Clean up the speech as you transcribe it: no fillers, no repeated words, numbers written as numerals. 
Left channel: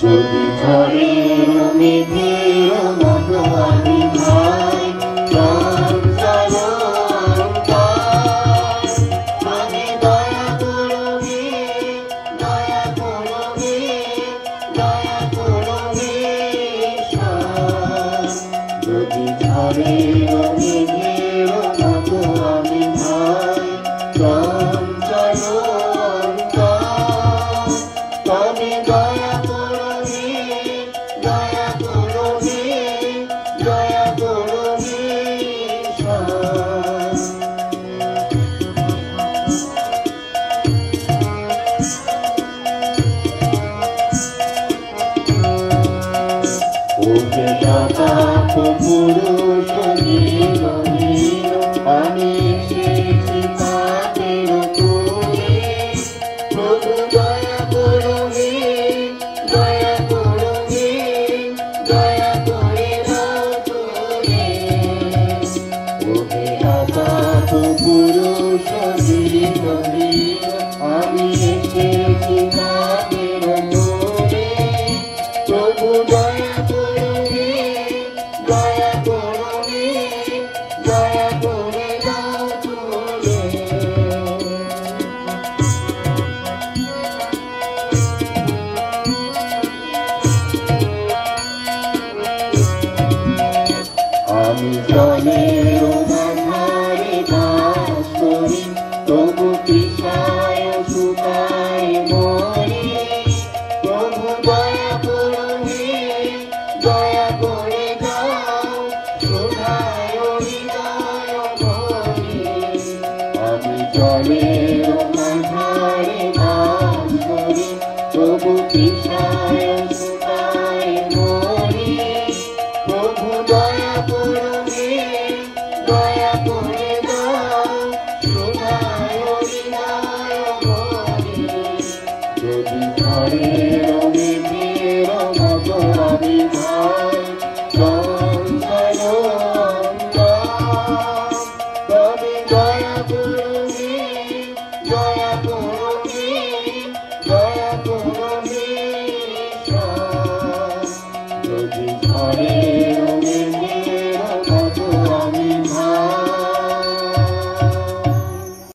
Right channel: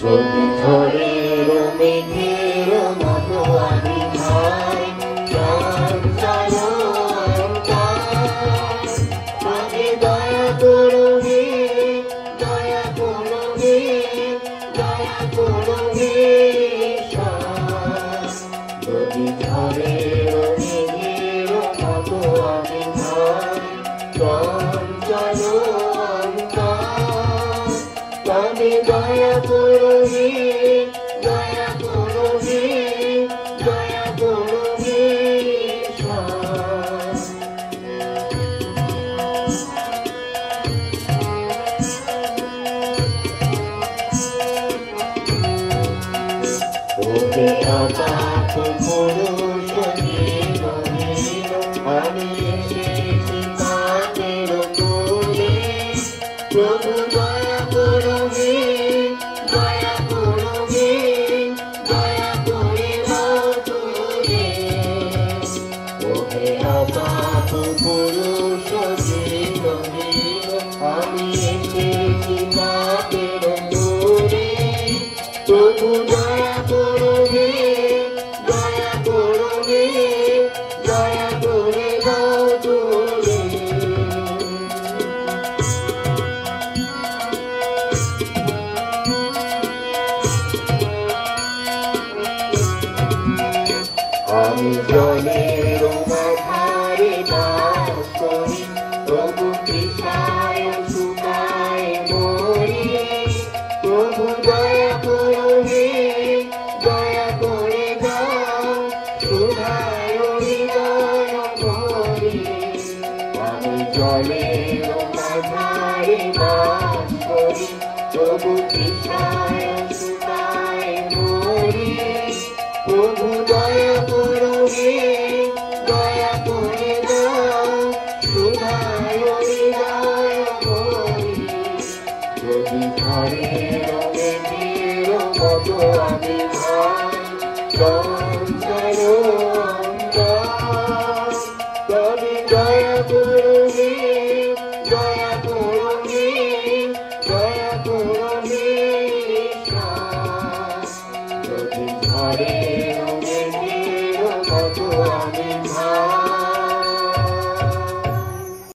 যদি ঝড়ের মেঘের মতো আমি ভাই তবে দয়া করবে দয়া করবে দয়া করবে যদি ঝড়ের মেঘের মতো আমি ভাই তবে দয়া করবে দয়া করবে দয়া করবে ওকে অকাত পুরুষ নীল নীল আমি এসেছি তাদের তুলে প্রভু দয়া করবে দয়া করবে দয়া করে দাও তুলে ওকে অকাত পুরুষ নীল নীল আমি এসেছি তাদের তুলে প্রভু দয়া করবে দয়া করবে দয়া করে দাও তুলে আমি জলের ধারে বাস করি তবু তৃষায় শুকায় মরি প্রভু দয়া করবে দয়া করে দাও শুধায় হৃদয় ভরে আমি জলের ধারে বাস করি তবু তৃষায় শুকায় মরি প্রভু দয়া করবে দয়া করে দাও শুধায় হৃদয় ভরে যদি ঝড়ের মেঘের মতো আমি